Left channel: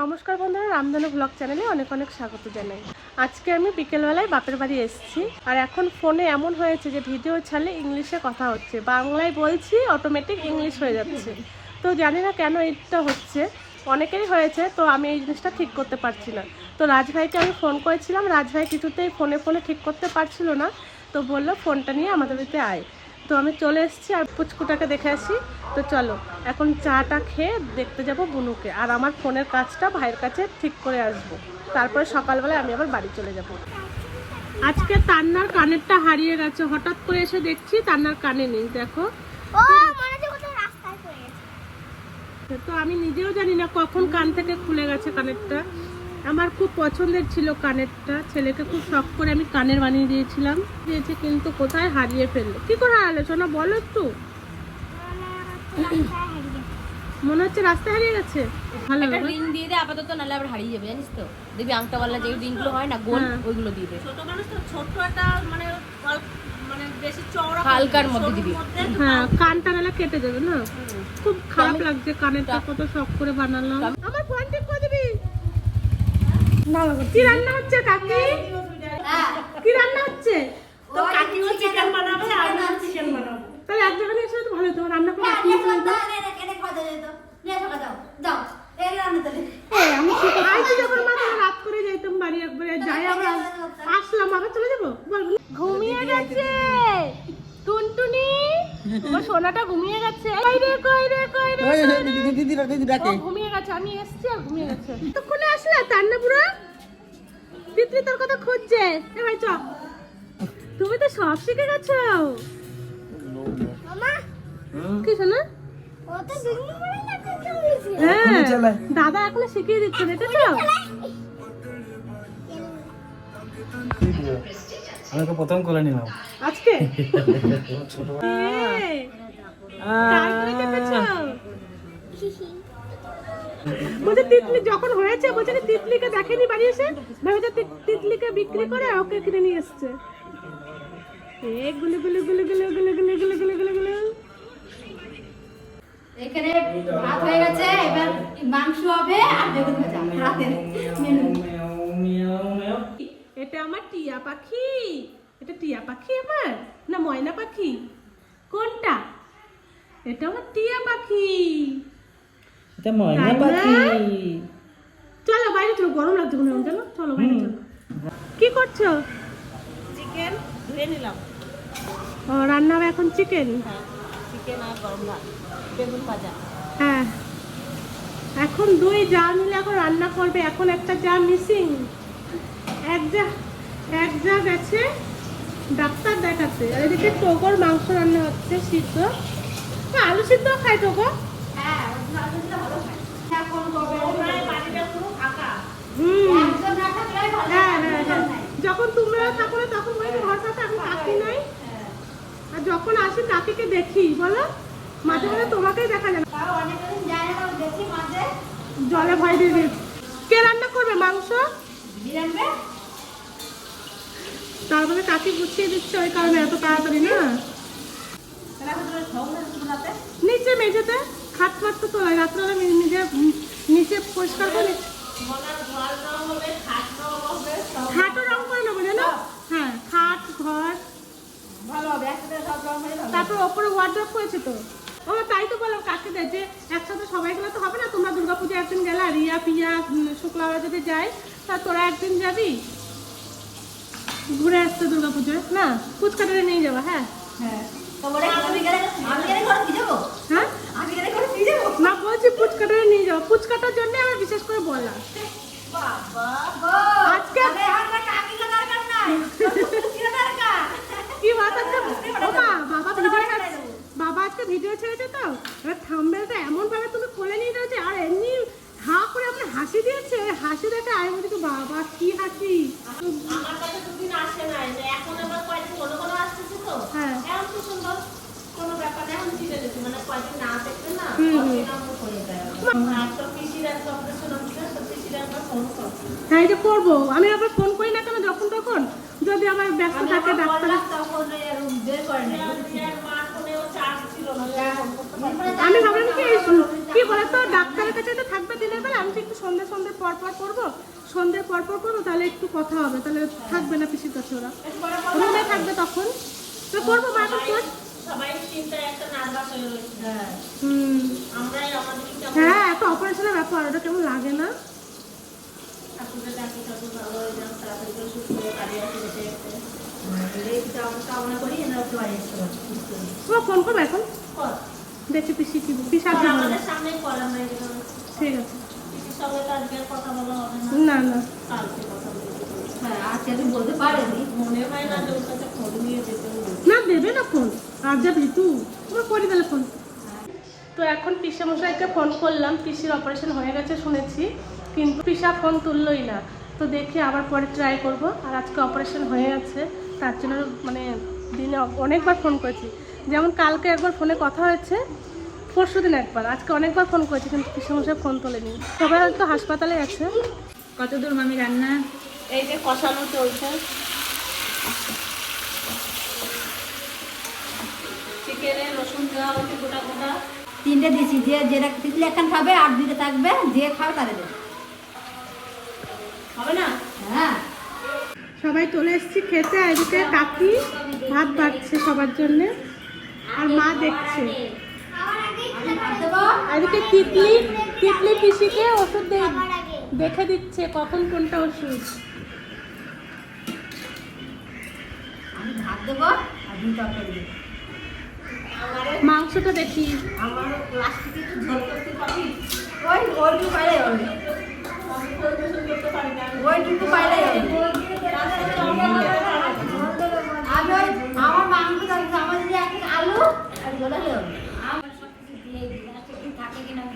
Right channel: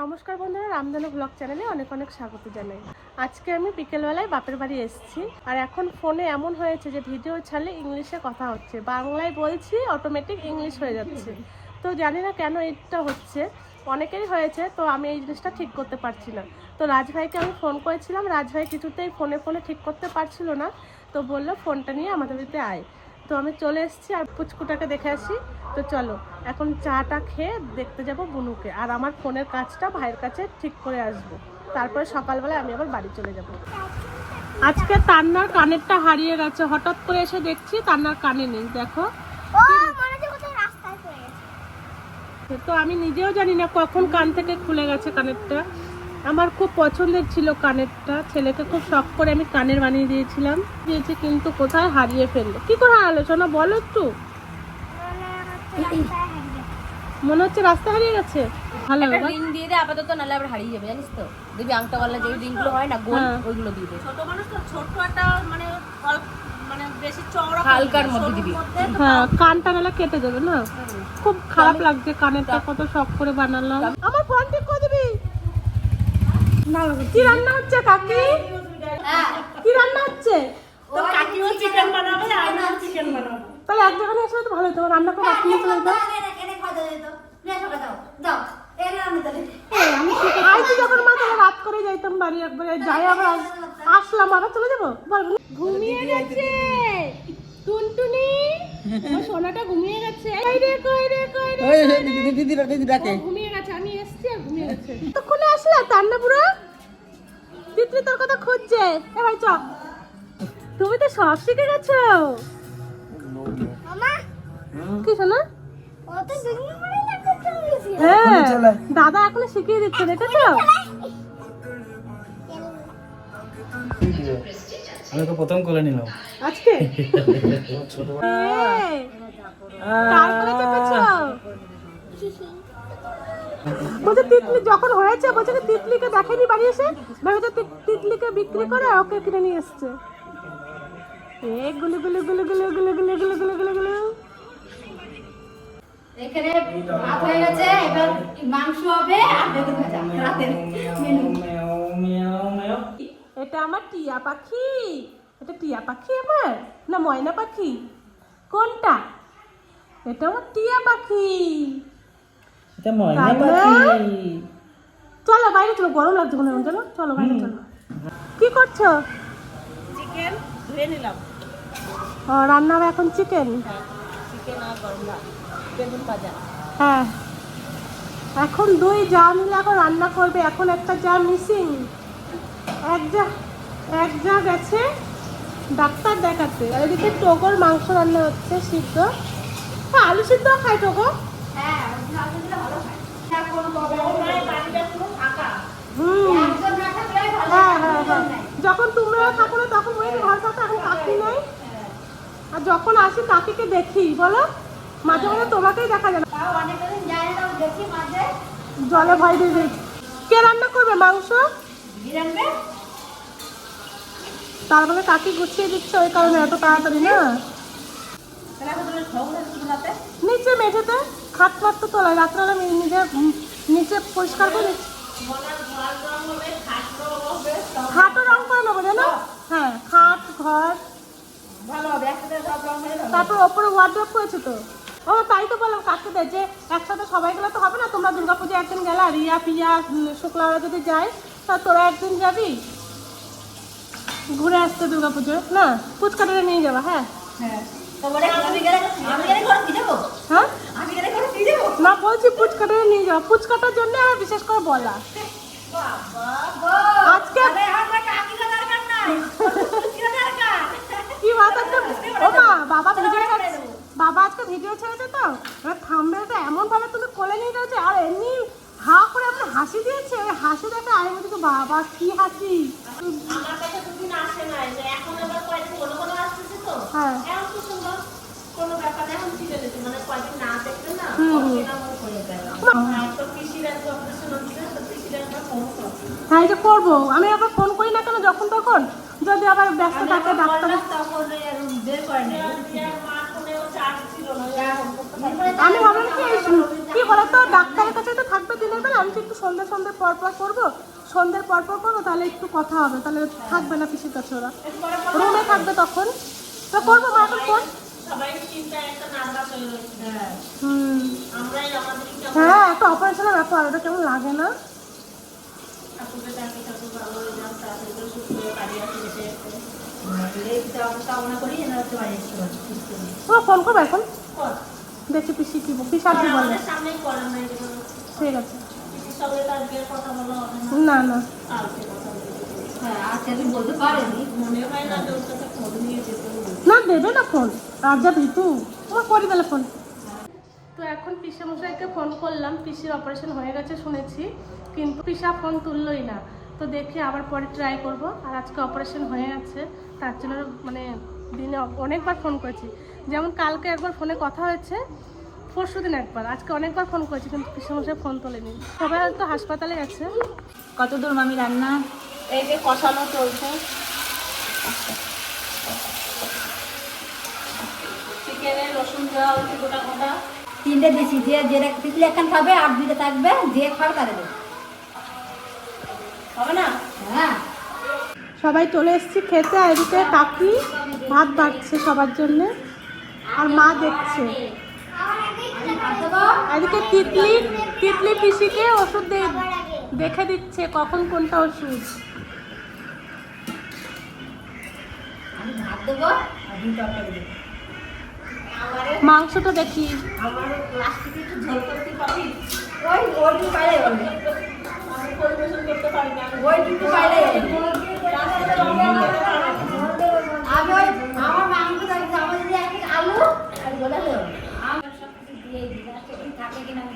নমস্কার বন্ধুরা, রামধনু ব্লগ চ্যানেলে অনেক অনেক স্বাগত জানাই। আজকে আমি বিকেলবেলায় বাপের বাড়ি এসেছি আর এখন ফোনে এমন হয়েছে যে ভিডিও ছাড়লে ইংলিশে কথা হচ্ছে। বাংলায় বলছি অটোমেটিক ইংলিশ হয়ে যাচ্ছে। তো জানি না কেন এটা হচ্ছে। অনেকেরই হয়েছে, তো আমি এই জিনিসটা ঠিক করতে পারছি না। তো রাজভাইকে আমি ফোন করেছিলাম। রাজভাই কিছুতেই ফোনে ফোনে ঠিক করতে পারছিল না। তো বলল ফোনটা নিয়ে আমাদের বাড়িতে আয়। তো আমি চলে এসেছি আর পুচকুটাকে দেখে আসি। তো চলো এখন চাটা খেয়ে দেখতে যাব বুনুকে। আর আমার ফোনের কাজটা ভাইয়ের কাছে ঠিক করে আসব। তারপরে সকালবেলায় আমি আবার বাড়ি চলে যাব। আজকে তান্নার কানেরটা হারিয়ে গেছে। হঠাৎ করে এসে দেখছি তান্নার কানে নেই দেখো। তো আমি নিজেও জানি না কখন কান থেকে খুলে গেছে কানেরটা। আমার খুব পছন্দের ছিল কানেরটা। ছেলেকে খুব শখ করে আমি কানের বানিয়ে দিয়েছিলাম। দিয়েছি কিন্তু কোথায় হারিয়ে ফেলল? কি করে হারালে শোনা বলো একটু। মনে হচ্ছে রাস্তায় হারিয়ে গেছে। ভালো রিং দিয়ে দে আপাতত নাহলে আবার হারিয়ে যাবে জানিস তো? আংটা গলা যে রিংগুলো হয় না গোল হ্যাঁ। ওইগুলো দিয়ে দে। ছোট মানুষ তো ছোট একটা মানে মানে বেশি চওড়া হালকার মধ্যে দিবি। হ্যাঁ কানটা নাহলে কেটে দেবে না। খুব খারাপ লাগছে কানেরটা কত শখ করে বানালাম। আমার ফোন ঠিক করে দিবি? কি রান্না হচ্ছে কাকি? কি রান্না হচ্ছে? তো কাকিও চিকেন বানাবে আর চিকেন বানাবো। তাহলে এক জায়গায় এসে তো ভালো হতো রান্না করে রাত করে যাইতাম বাড়ি একবারে যাই আবার আস- আসলাম আবার চলে যাব? বল ঘুমিয়ে গেছে। টুনটুনি আমার সোনাটা ঘুমিয়ে গেছে। কই রে কই রে কই রে ও ঘুমিয়ে গেছে আমি এসছি আর ঘুমিয়ে গেছে। তখনই আসলে তান্না পুরো তিতলি তোর কথা খুঁজছে। এ ভাই চ তুমি তো সব শিখে গেছো। কি শোনা? ও না হ্যাঁ দাদা এখন শিখিয়ে দিচ্ছে দেখেছ? আমি তো প্রথম কোলে নিলাম আজকে? বলছে তিতলি যখন হয়েছে বলছে তিতলিকে দেখেনি বাড়ি এসে তি- তিতলিকে বিক্রি করে ওকে কিনে নিয়ে এসছে এই গুলু গুলু গুলু গুলু গুলু গুলু গুলু গুলু গুলু গুলু এখানে ভাত হয়ে গেছে এবার মাংস হবে আর বেগুন ভাজা রাতের মেনু এটা আমার টিয়া পাখি। এটা টিয়া পাখি আমার? না ময়না পাখি? কোনটা? এটা আমার টিয়া পাখি। এটা ময়না পাখি। চলো বাইরে চলো গরম লাগছে মনে হয় চলো চলো বাইরে চলো। কি করছ? চিকেন ধুয়ে নিলাম। ও রান্না হবে এখন চিকেন চিকেন আর গরম ভাত। বেগুন ভাজা। হ্যাঁ। এখন দুই যা মিলে এখন রান্না করবে এখন একটা যা মিসিং এক যা এক যা গেছে ডাক্তার দেখাতে। আর এদিকে টগর মাংস রান্না হচ্ছে সিদ্ধ। হ্যাঁ, আলু সিদ্ধ খাই টগর হুম। হ্যাঁ হ্যাঁ হ্যাঁ। যখন তোমরা থাকো না তখন ওই ঘর থাকো এখন কাকি নাই। আর যখন আসি কাকিকে দেখি বলো? মাঝে মাঝে তোমাকেই দেখা যায় না। তাও অনেকদিন যায় না তাও দেখি মাঝে। জলে ভয় দিয়ে কে রান্না করবে মাংস? তারপরে কাকি গুছিয়ে দিচ্ছে? ওই কারণে এত তাড়াতাড়ি, না? নিচে মেঝেতে খাট ফাট তো তোলায় রাত্রে নিজে নিচে পরিষ্কার করে। খাটও রং করে নেব, জানো? হ্যাঁ খাট, ঘর। তারপর ওপরে ওয়ার্ড্রপ করেছে তো? ও, তাই তো বললাম কাকে দেয়। যে একসাথে সবাই গেলে তো হবে না, তোমরা দুর্গাপুজো একদিন গেলা, রিয়া, পিয়া, শুক্লারা যদি যাই তা তোরা একদিন যাবি? ঘুরে আসতে দুর্গাপুজোয় না? ফুচকাটারে নিয়ে যাবা হ্যাঁ? হ্যাঁ। দিয়ে যাব? হ্যাঁ? যাব? না বলছি ফুচকাটারে নিয়ে যাও। ফুচকাটার জন্য আমার বিশেষ করে বলা। আজকে কি বাত আছে? ও মা বাবা ভিডিও বাবা আজকে ভিডিও ছেড়েছে তো? এবার থাম্বেলটা এমন ভাবে তুমি কোলে নিয়ে যাচ্ছে। আর এমনি হা করে আপনি হাসি দিয়েছে। ওই হাসি দেখে আমি বলছি বাবা কি হাসি? এখন কয়েকদিন কোনো কোনো আসতেছে তো। হ্যাঁ। কোনো ব্যাপার মানে কয়েকদিন না না হ্যাঁ করব। আমি আবার ফোন করি না কেন? যখন তখন। যদি আবার ব্যস্ত থাকে আমি ভাবলাম কি বলতো? ডাক্তারের কাছে তো থাকবে দিনের বেলা আমি তো একটু সন্ধ্যে সন্ধ্যে পর পর করব। সন্ধ্যের পর পর করব তাহলে একটু কথা হবে তাহলে থাকবে না পিসির কাছে ওরা। রুমে থাকবে তখন? তো করব মা এখন ফোন সবাই চিন্তা একটা নাম্বার চলে গেছে হুম হ্যাঁ একটা অপারেশনের ব্যাপার ওটা কেমন লাগে না? করে করি ফোন করব এখন। কর। দেখছি পিসি কি পিসা কি বলবে আমাদের সামনেই করার নাই যেগুলো ঠিক আছে। পিসির সঙ্গে তো আজকে কথা বলা হবে না? না না। কালকে কথা হ্যাঁ আজকে আমি বলতে পারিনি। মনে হয় না যে ওর সাথে ফোন নিয়ে যেতে না দেবে না ফোন। আর তুই তোমার করি বেলা ফোন। তো এখন পিসা মশাইকে ফোন করলাম। পিসির অপারেশন হয়ে গেছে শুনেছি কিন্তু পিসা ফোন তুললোই না। তো দেখি আবার পরে ট্রাই করব। আর আজকে অপারেশন হয়ে গেছে তার জন্য মানে দিনে অনেকবার ফোন করেছি। যেমন কালকে একবার ফোনে কথা হয়েছে পরশু দিন একবার আজকে অনেকবার ফোন করেছি কিন্তু পিসা মশাই ফোন তোলেনি। সবাই হয়তো হাসপাতালে গেছে কত দূর মামি রান্না? এই যে কষানো চলছে। রসুন দেওয়া হচ্ছে গোটা গোটা। তিনটে দিছি যে যেটা তিতলি একখান খাবে আর দুইটা থাকবে যে খাবে তারে দেবে। হবে না? হ্যাঁ। সবাই চলে এসেছি খেতে আর এদিকে কাকি ভাত বাড়ছে সবার জন্য আর মা দেখছে। এদিকে তিতলি তিতলি পিসিকে ওষুধ দেখে দিচ্ছে কখন কোনটা ওষুধ। আমি ভাত দেবো আর মাংসটা দেখি। আমার আমি আমি মাংস আমার যদি আলু আর গোলা দেবো আমার সব কিছু দিয়ে দিই লাস্টে কি থাকে কিনা আমি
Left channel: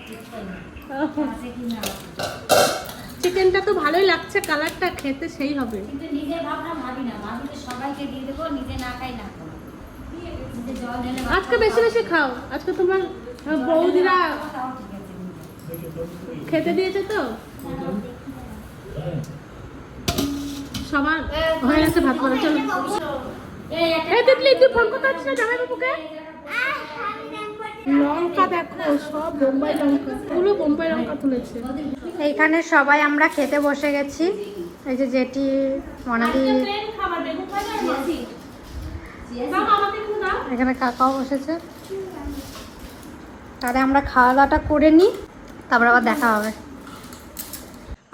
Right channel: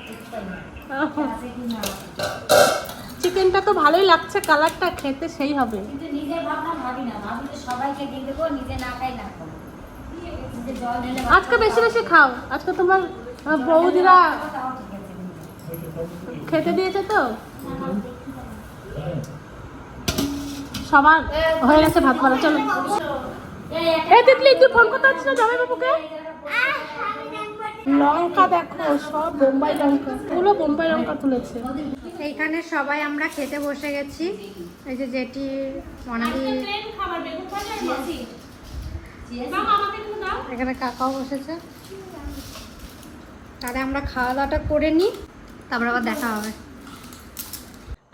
বুঝতে পারি না আছে কিনা চিকেনটা তো ভালোই লাগছে কালারটা খেতে সেই হবে। কিন্তু নিজে ভাবনা ভাবি না ভাবি যে সবাইকে দিয়ে দেবো নিজে না খাই না খাব। নিজে জল ঢেলে ভাত আজকে বেশি বেশি খাও। আজকে তোমার বৌদিরা। খেতে দিয়েছে তো? সবার হয়ে গেছে ভাত করা চলো। এই তুই ফোন করতে পারছিস না জামাই বাবুকে লঙ্কা দেখো সব বোম্বাই লঙ্কা। পুরো বোম্বাই লঙ্কা তুলেছে। এইখানে সবাই আমরা খেতে বসে গেছি। এই যে যেটি দাও। এখানে কাকাও বসেছে। তাহলে আমরা খাওয়া দাওয়াটা করে নিই তারপর আবার দেখা হবে।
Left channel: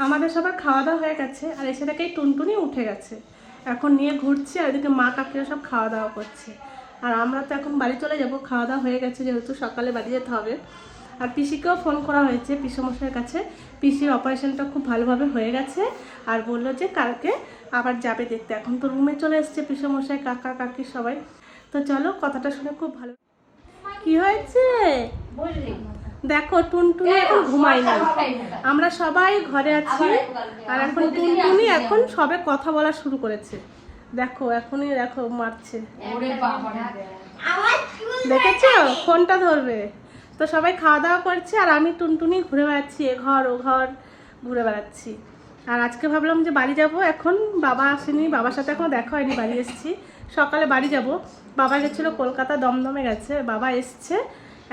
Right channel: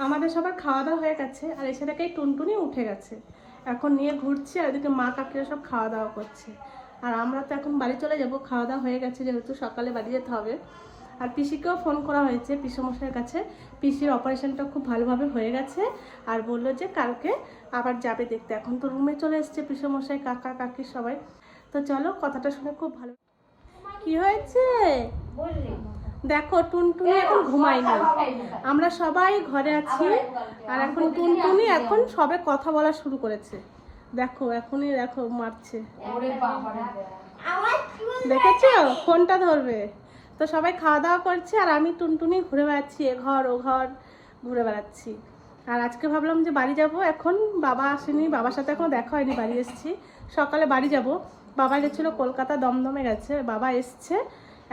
আমাদের সবার খাওয়া দাওয়া হয়ে গেছে আর এসে থেকে টুনটুনি উঠে গেছে। এখন নিয়ে ঘুরছি আর এদিকে মা কাকিরা সব খাওয়া দাওয়া করছে। আর আমরা তো এখন বাড়ি চলে যাব খাওয়া দাওয়া হয়ে গেছে যেহেতু সকালে বাড়ি যেতে হবে। আর পিসিকেও ফোন করা হয়েছে পিসমশাইয়ের কাছে। পিসির অপারেশনটা খুব ভালোভাবে হয়ে গেছে আর বলল যে কালকে আবার যাবে দেখতে। এখন তো রুমে চলে এসছে পিসমশাই কাকা কাকি সবাই। তো চলো কথাটা শুনে খুব ভালো কি হয়েছে? দেখো টুনটুনি এখন ঘুমাই না আমরা সবাই ঘরে আছি আর এখন টুনটুনি এখন সবে কথা বলা শুরু করেছে। দেখো এখনই দেখো মারছে। দেখেছ? ফোনটা ধরবে। তো সবাই খাওয়া দাওয়া করছে আর আমি টুনটুনি ঘুরে বেড়াচ্ছি এ ঘর ও ঘর ঘুরে বেড়াচ্ছি। আর আজকে ভাবলাম যে বাড়ি যাব এখন বাবা আসেনি বাবার সাথে এখনও দেখা হয়নি বাড়ি এসেছি। সকালে বাড়ি যাব। বাবা গেছিল কলকাতা দমদমে গেছে বাবা এসছে।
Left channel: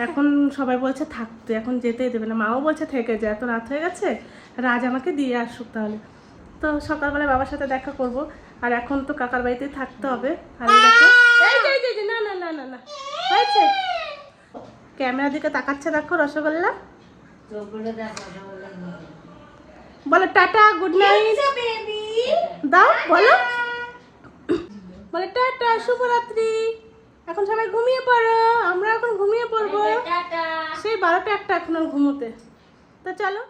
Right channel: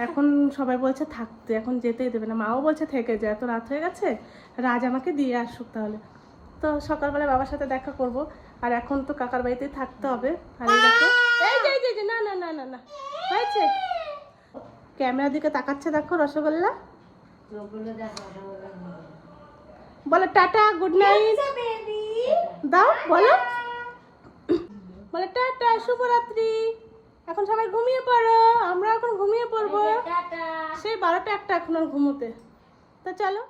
এখন সবাই বলছে থাকতে এখন যেতেই দেবে না। মাও বলছে থেকে যায় এত রাত হয়ে গেছে রাজ আমাকে দিয়ে আসুক তাহলে। তো সকালবেলা বাবার সাথে দেখা করব। আর এখন তো কাকার বাড়িতেই থাকতে হবে। আর না না না না না। হয়েছে? ক্যামেরার দিকে তাকাচ্ছে দেখো রসগোল্লা। বলো টাটা গুড নাইট দাও বলো। বলে টাটা শুভরাত্রি। এখন সবাই ঘুমিয়ে পড়ো। আমরা এখন ঘুমিয়ে পড়ব। সেই বারোটা একটা এখন আর ঘুমোতে। তা চলো।